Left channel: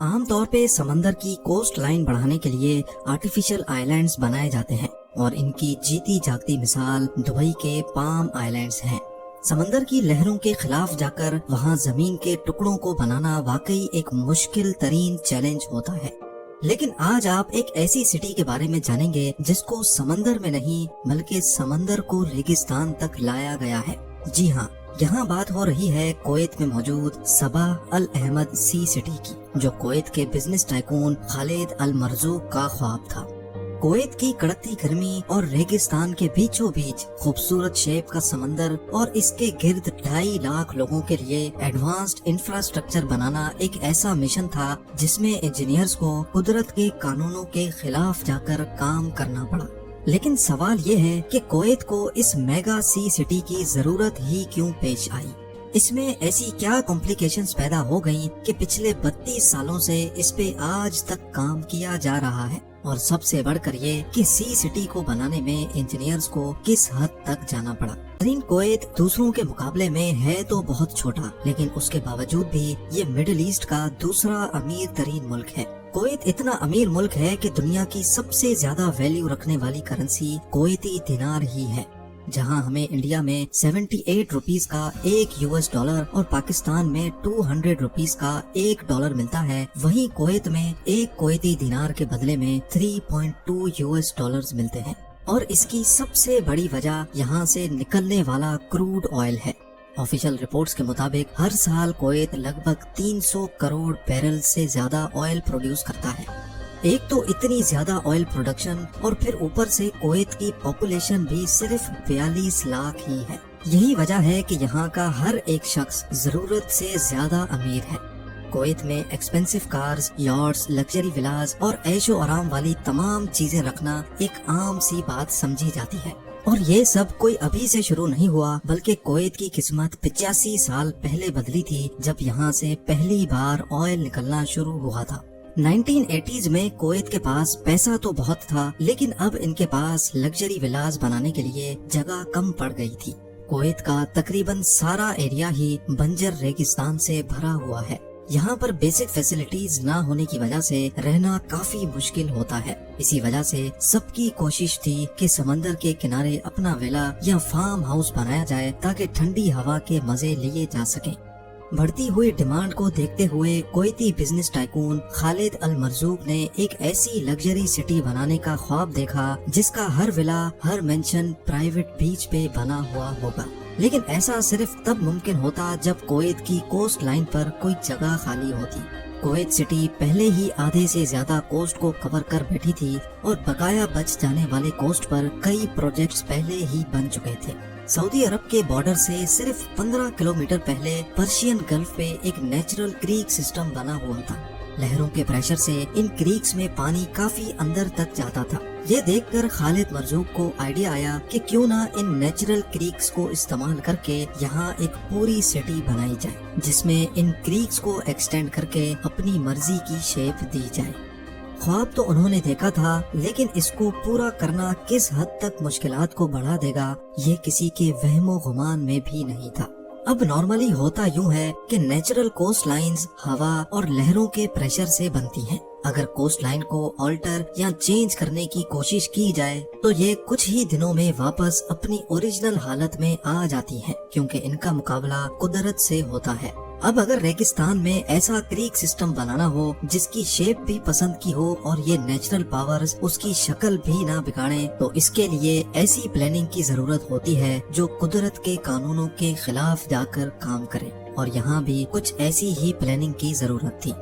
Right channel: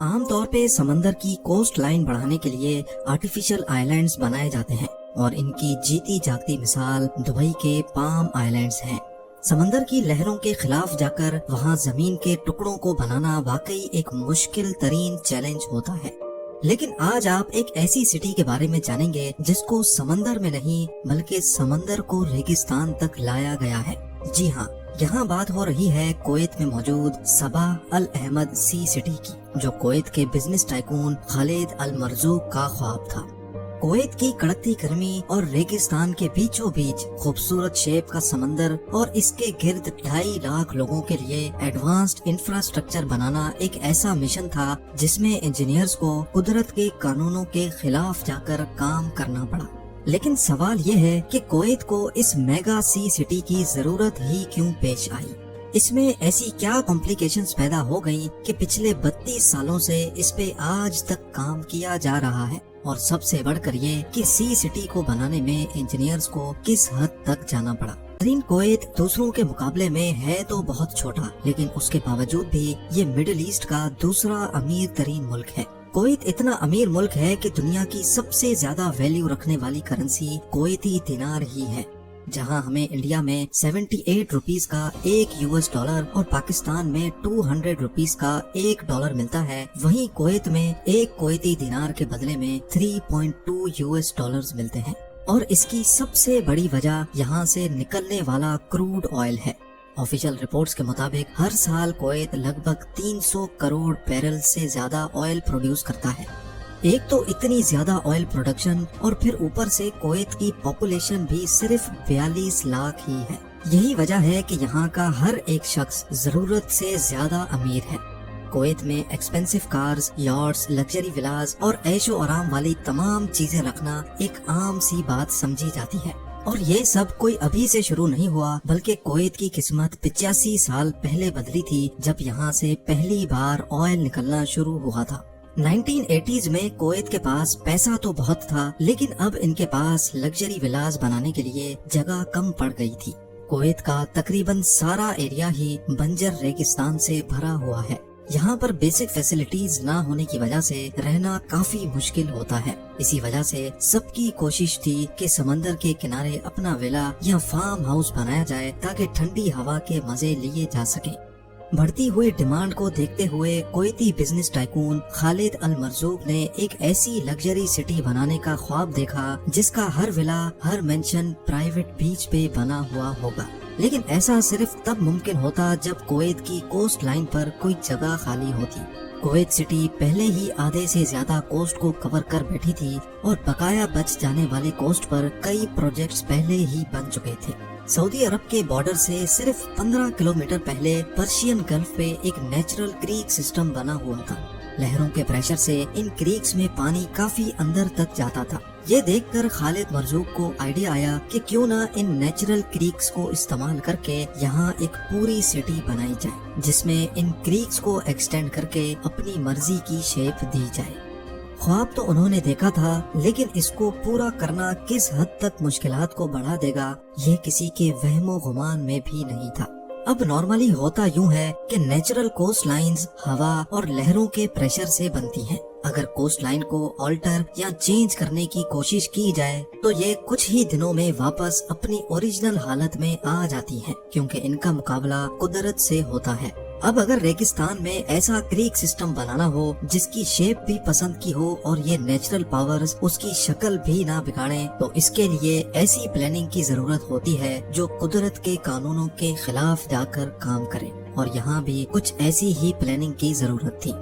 عام طور پہ سمندر کی کوسٹ لائن بڑھانے کے لیے آرٹیفیشل آئلینڈز بنائے جاتے ہیں اور ان کی جیتی جاگتی مثال دبئی کے پام آئلینڈز ہیں۔ سمندر کی لہروں کے خلاف جا کر وہاں زمین کے ٹکڑوں کو بنانا واقعی ایک مشکل ترین چیلنج ہوتا ہے، لیکن آج آپ ایک ایسی سٹی کے بارے میں جانیں گے جس کو سمندر میں نہیں بلکہ سمندر کو ریگستان تک لایا گیا ہے۔ جی ہاں، یہاں بات ہو رہی ہے کویت میں موجود صباح الاحمد سی سٹی کی، جو کویت کے بزنس ٹائکون خالد المرزوق کا خواب تھا۔ کویت کی کڑکتی گرمی اور ریگستان کے بیچوں بیچ خوبصورت شیپ کا سمندر اور اس کے گرد 2.5 لاکھ لوگوں کے لیے ایڈوانسڈ انفراسٹرکچر بنانا ایک ایسا مشن تھا جس میں انجینئرز کو قدرت کے قانونوں کے خلاف جا کر کام کرنا پڑا۔ لیکن سوال یہ ہے کہ کویت کو اس میگا سی سٹی کی ضرورت ہی کیوں پیش آئی؟ اس میں ایسی کیا کمپلیکیشنز پیدا ہو گئیں کہ پچھلے 32 سالوں سے اس پہ آج تک کام کیا جا رہا ہے؟ اور سب سے بڑھ کر یہ کہ سی سٹی کو بنانے میں انجینئرز کو کس حد تک جانا پڑا۔ کویت دوسروں کے مقابلے میں ہے تو بہت چھوٹا، لیکن اس کے باوجود بھی یہ مڈل ایسٹ کا دوسرا امیر ترین ملک ہے۔ کویت اتنا امیر ملک ہے کہ دنیا کی سب سے زیادہ ویلیو رکھنے والی کرنسی کویتی دینار ہی ہے۔ جہاں ہمیں انڈیا میں 78 روپیز کا $1 اور پاکستان میں 200 روپیز کا $1 ملتا ہے، وہیں کویت میں ایک کویتی دینار کے بدلے میں $3.2 ملتے ہیں۔ اور اس کی سب سے بڑی وجہ یہاں سے نکلنے والا کروڈ آئل ہے۔ آفیشل رپورٹس کے مطابق ہر سال کویت لگ بھگ 300 کروڑ بیرل سے زیادہ آئل پروڈیوس کرتا ہے۔ ایک تو اتنی زیادہ آئل پروڈکشن اور پھر اوپر سے کویت کی پاپولیشن بھی صرف 42 لاکھ ہی ہے۔ یہی وجہ ہے کہ یہاں کا ہر ایک شخص ضرورت سے زیادہ امیر ہے۔ کویت میں ایکسپینسو کارز، یاٹس، لگژری ولاز اور عیش و آرام والی تمام چیزیں رکھنا ایک عام سی بات سمجھی جاتی ہے۔ اور یہ سب کوئی ابھی سے شروع نہیں ہوا، بلکہ کویت کی قسمت 85 سال پہلے بدلی تھی جب یہاں سے پہلی بار آئل نکلنا شروع ہوا تھا۔ 1980s میں کویت کے پاس پیسہ تو بہت تھا، لیکن اب ان کے پاس لگژری ولاز بنانے کے لیے جگہ کم پڑ گئی تھی۔ کویت کا تقریباً سارا ایریا ہی بنجر ریگستان سے بھرا ہوا ہے۔ یہاں پر بیسک فیسلٹیز نہ ہونے کی وجہ سے رہنا کافی مشکل ہوتا ہے۔ اسی وجہ سے سب کی کوشش تھی کہ سمندر کے کنارے اپنا ویلا یا فارم ہاؤس بنایا جائے تاکہ ٹھنڈی ہوا کے مزے لیے جا سکیں۔ بڑھتی ہوئی ڈیمانڈ کو دیکھتے ہوئے کویتی بزنس ٹائکون خالد المرزوق نے ایک ایسی لگژری سٹی بنانے کا خواب دیکھا جس کا ہر ولا، ہر مینشن پرائیویٹ بیچ پہ بنا ہوا ہوگا۔ لیکن ایسا صرف تب ممکن ہوتا جب کویت کی کوسٹ لائن پر کوئی جگہ خالی ہوتی۔ کویت سٹی پہلے ہی آدھے سے زیادہ کوسٹ کو کور کر بیٹھی تھی اور بقایا بچ جانے والے کوسٹ پر کئی پروجیکٹس پہلے ہی بن چکے تھے۔ سعودی عرب کے بارڈر سے صرف 15 کلومیٹر پہلے پرشین گلف پہ ایک نیچرل کریک سسٹم بنا ہوا تھا۔ لہروں کے پریشر سے ان کریکس میں پانی کافی اندر تک جاتا تھا۔ یہ دیکھ کر خالد مرزوق کو آئیڈیا آیا کہ کیوں نہ ان نیچرل کریکس کو استعمال کر کے یہاں ایک پوری سٹی بنائی جائے جس میں ان کریکس کو ایکسٹینڈ کر کے اپنی مرضی کی شیپ دی جائے۔ خواب تو انہوں نے دیکھا تھا، لیکن اس کو پورا کرنا کس حد تک مشکلات کو بڑھا دے گا یہ کسی کے وہم و گمان میں بھی نہیں تھا۔ اب نارملی ہوتا یوں ہے کہ نیچرل کوسٹ لائنز ہوا اور لہروں کے پریشر سے بنتی ہیں۔ اگر کوسٹ لائن کو آلٹر یا چینج کرنے کی کوشش کی جائے تو یہ کچھ ہی دنوں میں واپس اپنی اوریجنل حالت میں آ جاتی ہیں، کیونکہ ان کا مقابلہ قدرت سے ہوتا ہے۔ اب اگر ریگستان میں ایسا کریک سسٹم بنانا ہو جس کی شیپ بھی پسند کی ہو اور یہ نیچرل پاورز اس کی شکل بھی نہ بگاڑیں، تو اس کے لیے ایسی پلاننگ کی ضرورت ہوتی ہے جو قدرت کے قانونوں کے خلاف جا کر کام کرے، اور یہاں بھی کچھ ایسی ہی پلاننگ کی ضرورت تھی۔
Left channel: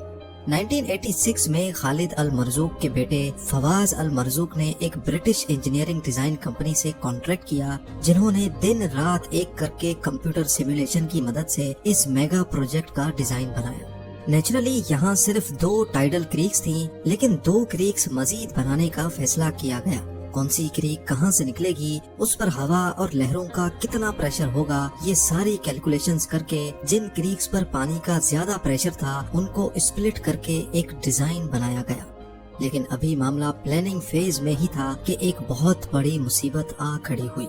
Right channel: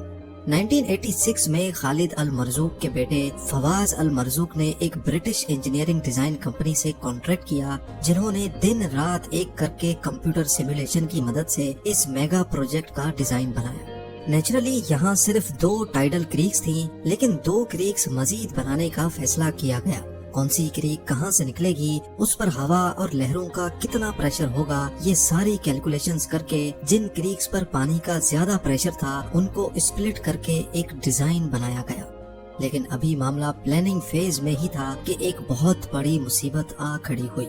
1986 میں خالد المرزوق کے بیٹے فواز المرزوق نے ایک برٹش انجینئرنگ ڈیزائن کمپنی سے کانٹریکٹ کیا، جنہوں نے دن رات ایک کر کے کمپیوٹر سیمولیشن کی مدد سے اس میگا پروجیکٹ کا ڈیزائن بنایا۔ نیچرلی یہاں صرف 2 ٹائیڈل کریکس تھیں، لیکن 2 کریکس مزید بنانے کا فیصلہ کیا گیا۔ کون سی کریک کہاں سے نکلے گی، اس پر ہوا اور لہروں کا کتنا پریشر ہوگا، یہ ساری کیلکولیشنز کر کے جن کریکس پر پانی کا زیادہ پریشر تھا ان کو اسپلٹ کر کے ایک ڈیزائن بنایا گیا۔ لیکن ابھی معاملہ پلاننگ فیز میں ہی تھا کہ ایک بہت بڑی مصیبت آ کھڑی ہوئی۔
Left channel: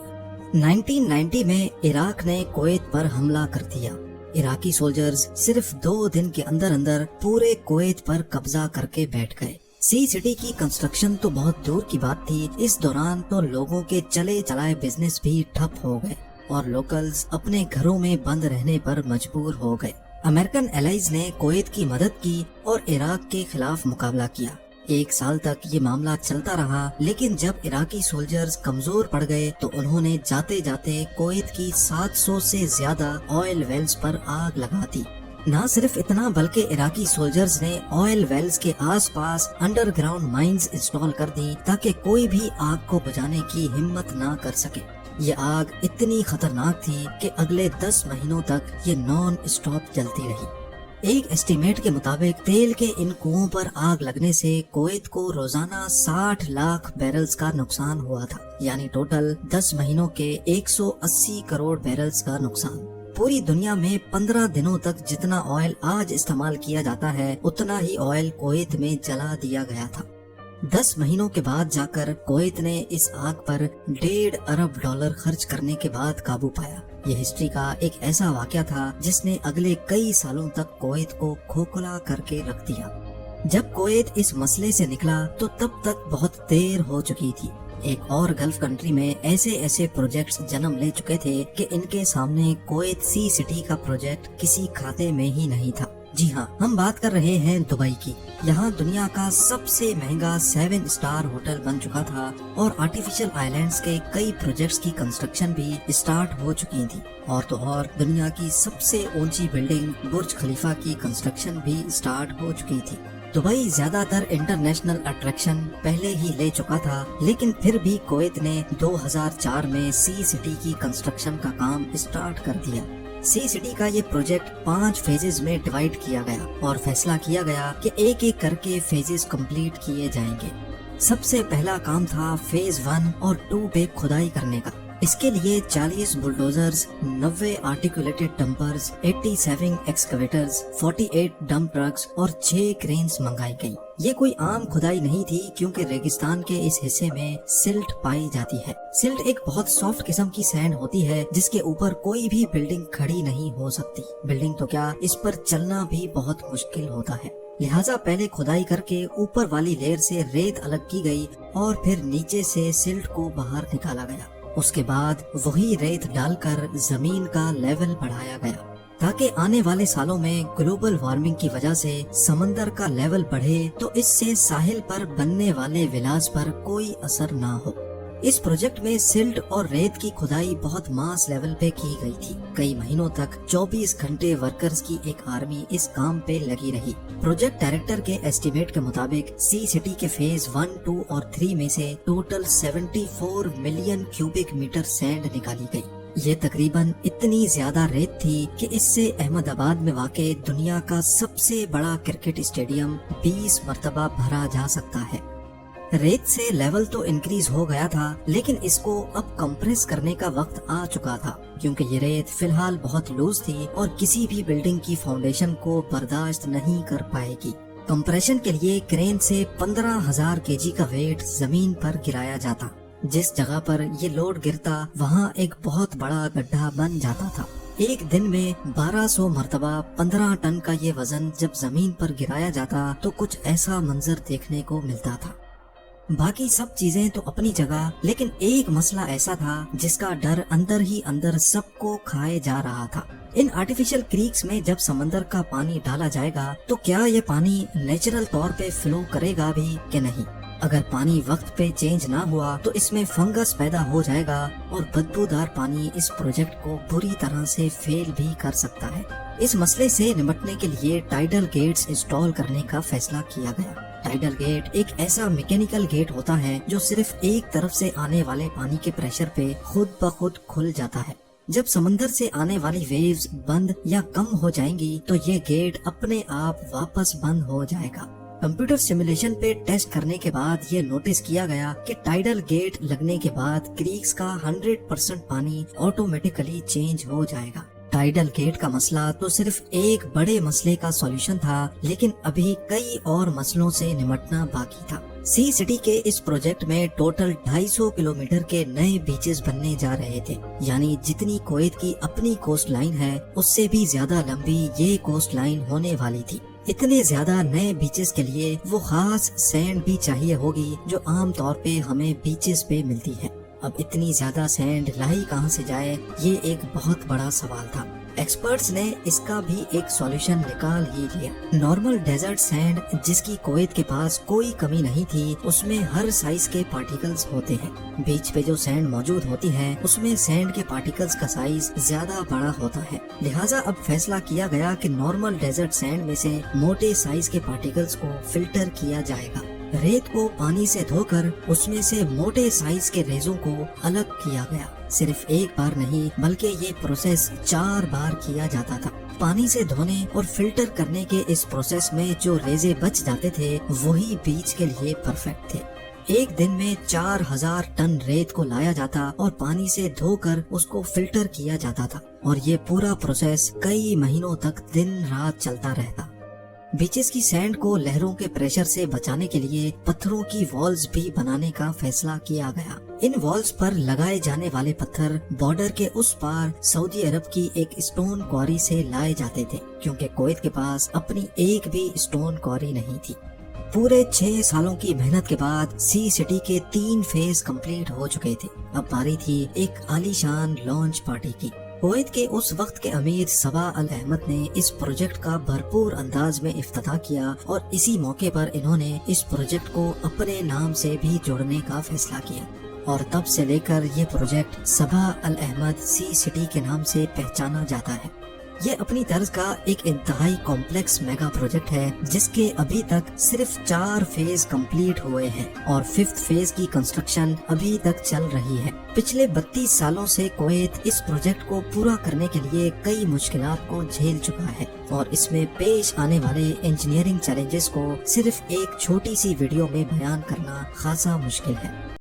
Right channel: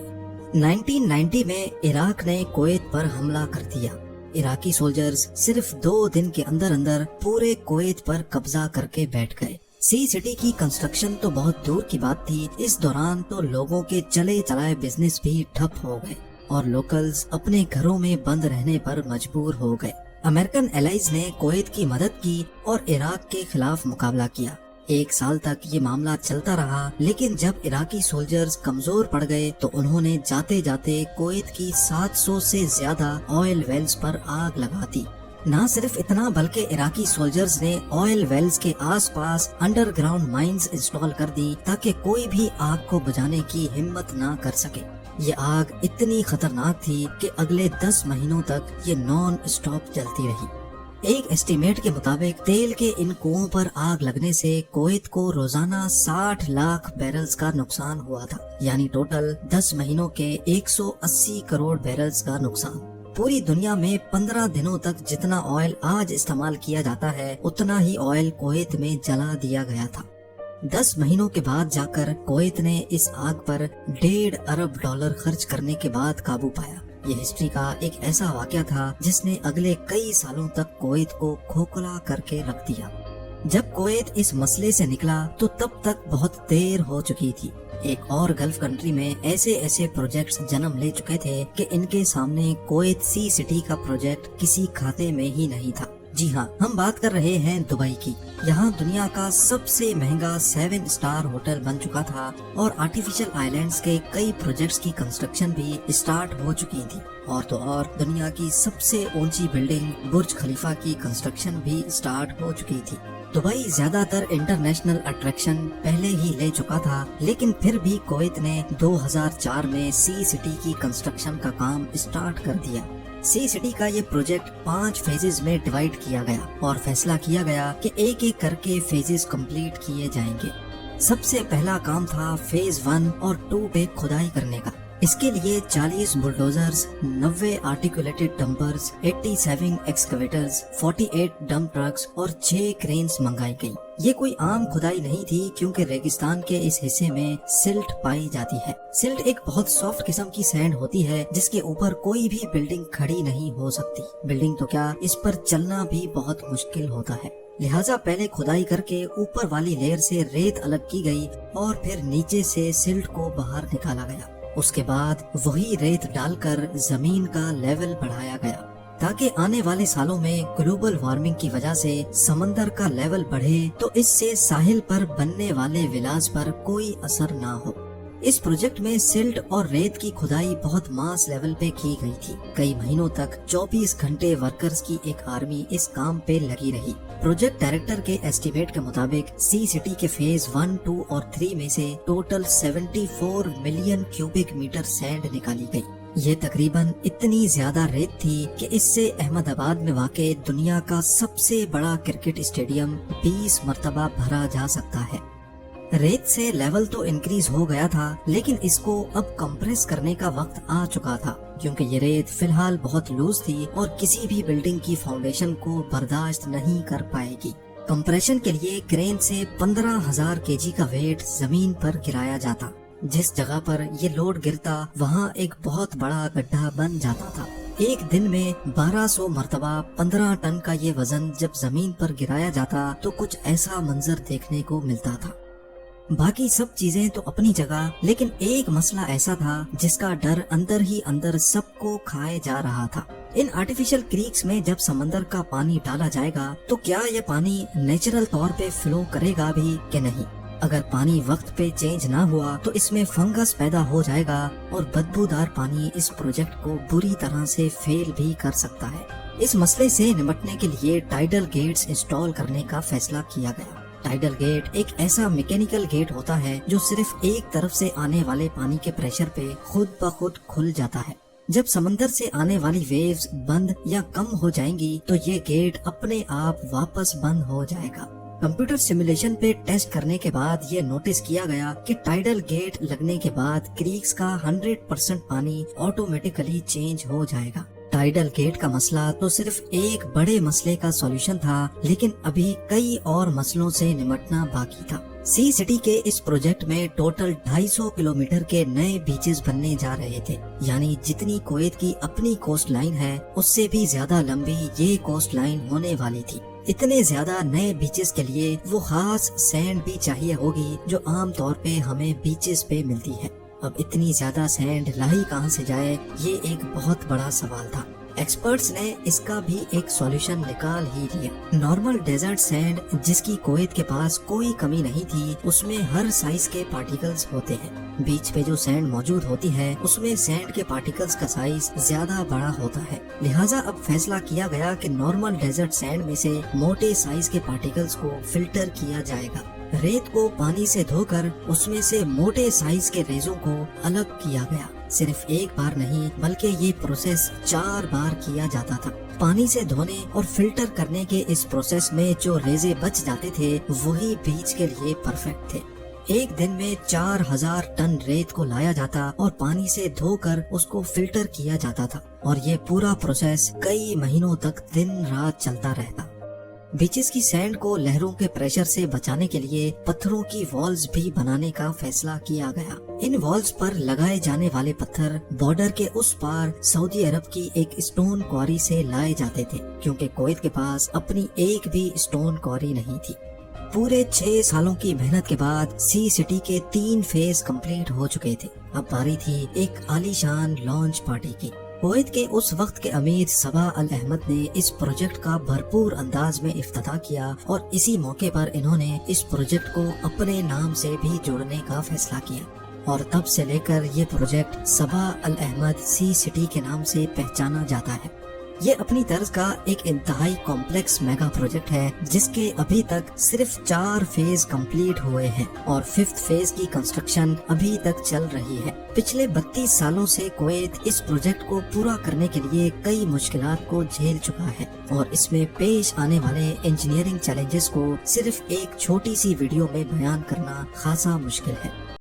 1990 میں عراق نے کویت پر حملہ کر دیا۔ इराकी सोल्जर्स सिर्फ 2 दिन के अंदर अंदर पूरे कुवैत पर कब्जा करके बैठ गए। सी सिटी की कंस्ट्रक्शन तो बहुत दूर की बात थी, इस दौरान तो लोगों के चले चलाए बिजनेस भी ठप हो गए और लोकल्स अपने घरों में बंद रहने पर मजबूर हो गए। अमेरिकन एलाइज ने कुवैत की मदद की और इराक के खिलाफ मुकाबला किया। 1 साल तक ये मामला चलता रहा, लेकिन जब इराकी सोल्जर्स कमजोर पड़ गए तो उन्होंने जाते जाते कुवैत की 700 से ज्यादा ऑयल वेल्स पर आग लगा दी। न सिर्फ इतना बल्कि इराकी सोल्जर्स ने ऑयल वेल्स के आसपास अंडरग्राउंड माइंस इंस्टॉल कर दी ताकि कोई भी आग को बुझाने की हिम्मत न कर सके। ये आग इतनी खतरनाक थी कि अगले 10 महीनों तक ये नॉन स्टॉप जलती रही। एक एस्टीमेट के मुताबिक तेल के इन कुओं पर आग लगने से कुवैत को रोजाना 60 लाख बैरल्स का नुकसान हुआ था, यानी टोटल 10 महीनों के 180 करोड़ बैरल्स का नुकसान। पूरी दुनिया में 15 दिनों तक जितना ऑयल आज इस्तेमाल किया जाता है उतना ही ऑयल कुवैत में जला दिया गया था। 10 महीनों के बाद जाकर कुवैत ने इस आग पर $1.5 अरब खर्च करने के बाद काबू पाया। यह हिस्ट्री का एक ऐसा वाकया था जिसने अगले कई सालों तक कुवैत को खोखला करके रख दिया। जब कुवैत इस मसले से निकला तो तब तक बहुत देर हो चुकी थी। एक और गल्फ कंट्री में ऐसे प्रोजेक्ट्स जन्म ले चुके थे कि इनके सामने कुवैत सी सिटी का प्रोजेक्ट किसी खाते में ही नहीं था। जी हाँ, हम बात कर रहे हैं दुबई की। यहाँ दुनिया का सबसे महंगा 7 स्टार होटल बन चुका था और आर्टिफिशियल आइलैंड्स के कई प्रोजेक्ट्स की कंस्ट्रक्शन भी स्टार्ट हो चुकी थी। और तो और दुनिया की सबसे ऊंची बिल्डिंग बुर्ज खलीफा की कंस्ट्रक्शन भी स्टार्ट हो चुकी थी। दुबई ज्यादातर इंटरनेशनल अट्रैक्शन पहले ही ले चुका था, लेकिन फिर भी कुवैत ने 2004 में सी सिटी की कंस्ट्रक्शन का काम स्टार्ट कर दिया। सी सिटी का ये प्रोजेक्ट 5 फेजेस में डिवाइड किया गया और फैसला किया गया कि एक एक करके फेजेस कंप्लीट किए जाएंगे। सबसे पहला काम था फेज 1 और 2 पे खुदाई करने का। इसके लिए 40 bulldozers, 90 articulated dumpers, 87 एक्सकवेटर्स, 48 dump trucks और 6 क्रेन्स मंगाई गई। ये कोई आम खुदाई नहीं थी क्योंकि रेगिस्तान के इस हिस्से में सिल्ट पाई जाती है। सिल्ट एक बहुत सॉफ्ट किस्म की सैंड होती है जिसके ऊपर कोई भी बिल्डिंग खड़ी नहीं हो सकती। बिल्डिंग तो क्या, इस पर चलना भी बहुत मुश्किल होता है। लिहाजा पहले खुदाई करके ऊपर वाली लेयर से रेत अलग की गई और फिर नीचे से सिल्ट को बाहर निकाला गया। उसके बाद वही रेत डालकर जमीन का लेवल बढ़ाया गया ताकि आने वाले सालों में ग्लोबल वार्मिंग की वजह से समंदर का लेवल बढ़े तो इससे साहिल पर बनने वाले विलास पर कोई असर ना हो। इस प्रोजेक्ट में सिल्ट और रेत की खुदाई बहुत मास लेवल पे की गई थी। कई महीनों तक 24 घंटे वर्कर्स की एक आर्मी इस काम पे लगी रही। प्रोजेक्ट डायरेक्टर के एस्टीमेट के मुताबिक सी सिटी के फेज 1, 2 और 3 में से total 74 million cubic metre sand निकाली गई। यह तकरीबन इतनी ज्यादा रेत थी कि इससे अहमदाबाद में वाक़े दुनिया का सबसे बड़ा क्रिकेट स्टेडियम 20 मरतबा भरा जा सकता है। रेत से लेवल तो इंक्रीज हो गया था, लेकिन इसको अब कंप्रेस करने का वक्त आ चुका था क्योंकि ये रेत फिलहाल बहुत लूज थी और किसी भी बिल्डिंग की फाउंडेशन को बर्दाश्त नहीं कर पाएगी। कंप्रेशन के लिए क्रेन से 15,000 केजी का वेट जमीन पर गिराया जाता। जिस जगह पर ये लोड गिरता वहाँ एक बहुत बड़ा गड्ढा बन जाता था। एक दिन में 1200 मरतबा 15 टन का ये वजन जब जमीन पर गिराया जाता तो कुछ ऐसा मंजर देखने को मिलता था। बाकी सब चीजें तो अपनी जगह, लेकिन एक मसला ऐसा था जिसका डर अंदर ही अंदर सबको खाए जा रहा था। इन आर्टिफिशियल क्रीक्स में जब समंदर का पानी डाला जाएगा तो क्या यह पानी नेचुरल तौर पे फ्लो करेगा भी कि नहीं। अगर पानी वक्त पे चेंज ना हुआ तो इसमें फंगस पैदा हो जाएगा और बदबूदार पानी इस प्रोजेक्ट को बुरी तरह से फेल भी कर सकता है। इस मसले से निपटने के लिए टाइडल गेट्स इंस्टॉल करने का फैसला किया गया। टाइडल गेट एक ऐसा मैकेनिकल गेट होता है जो सिर्फ एक तरफ से आने वाले पानी के प्रेशर पे खुद ब खुद खुल जाता है। जब समंदर से आने वाली वेव्स बंद या कम हो जाएंगी तो ये गेट अपने आप वापस बंद हो जाएगा। कंप्यूटर सिमुलेशन पे टेस्ट करने के बाद ये नोटिस किया गया कि टाइडल गेट लगने के बाद क्रीक्स का 100% पानी ऑटोमेटिकली चेंज हो जाएगा। टाइडल गेट का मसला तो सिर्फ एक बड़े मसले का सॉल्यूशन था, लेकिन अभी कई और मसलों से निपटना बाकी था। सी सिटी के इस प्रोजेक्ट में टोटल 250 किलोमीटर के नए बीचेस बनने जा रहे थे, यानी जितनी कुवैत की अपनी कोस्ट लाइन है उससे भी ज्यादा लंबी ये कोस्ट लाइन होने वाली थी। इतने ज्यादा नए बीचेस के लिए वो खास सैंड भी चाहिए होगी जो आम तौर पे हमें बीचेस पे मिलती है। अब इतनी ज्यादा सैंड लाई कहाँ से जाए, ये एक बहुत बड़ा सवाल था। एक्सपर्ट्स ने इसका भी एक सॉल्यूशन निकाल ही लिया। नॉर्मल डेजर्ट सैंड जिसकी कुवैत के पास कोई कमी नहीं थी, उसमें हर साइज के पार्टिकल्स होते हैं। बीच पे जो सैंड मौजूद होती है उसमें सैंड के पार्टिकल्स का साइज ज्यादा बड़ा होता है। लिहाजा अब फैसला किया गया कि नॉर्मल डेजर्ट सैंड में से मोटे साइज के पार्टिकल्स को फिल्टर किया जाएगा। रेत को पानी से धोकर उसमें से मोटे साइज के रेजों को अलग किया गया। सिर्फ एक बार नहीं बल्कि ये प्रोसेस 4 बार किया जाता था। पानी से धोने और फिल्टर करने के इस प्रोसेस में जो रेजे बच जाते थे वही बीच के लिए परफेक्ट थे। एक दिन में 4000 टन रेत को लाया जाता और पानी से धोकर उसको फिल्टर किया जाता था, और ये पूरा प्रोसेस कई महीनों तक दिन रात चलता रहता। बीचेस की सैंड को लहरों के प्रेशर से बचाने के लिए पत्थरों की वॉल्स भी बनाने का फैसला किया गया। इन वॉल्स पर लगाए जाने वाले पत्थर बॉर्डर के उस पार सऊदी अरब की एक स्टोन क्वारी से लाए जाते थे, क्योंकि कुवैत के पास अपनी एक भी स्टोन क्वारी नहीं थी। पूरे 6 सालों की मेहनत के बाद सी सिटी के 3 फेज कंप्लीट हो चुके थे। अब बारी थी एक आलीशान लॉन्च पार्टी की। कुवैत के उस वक्त के अमीर सबा अल अहमद ने इस प्रोजेक्ट का भरपूर अंदाज में इफ्तिताह किया, और इसी मौके पर इन्होंने इस प्रोजेक्ट को अपने नाम से भी जोड़ने का फैसला किया, और तब से लेकर ये प्रोजेक्ट सबा अल अहमद सी सिटी के नाम से पहचाना जाता है। ये अपनी तर्ज का एक इंतहाई कॉम्प्लेक्स मेगा प्रोजेक्ट है जिसके अभी तक सिर्फ 4 फेज कंप्लीट हुए हैं, और 5th फेज की कंस्ट्रक्शन अभी तक चल रही है। पिछले 32 सालों से कुवैत इस प्रोजेक्ट को पूरा करने के लिए कई मुश्किलात को झेल चुका है, और इसमें पेश आने वाले इंजीनियरिंग चैलेंजेस को सिर्फ एक छोटी सी वीडियो में बयान करना खासा मुश्किल है।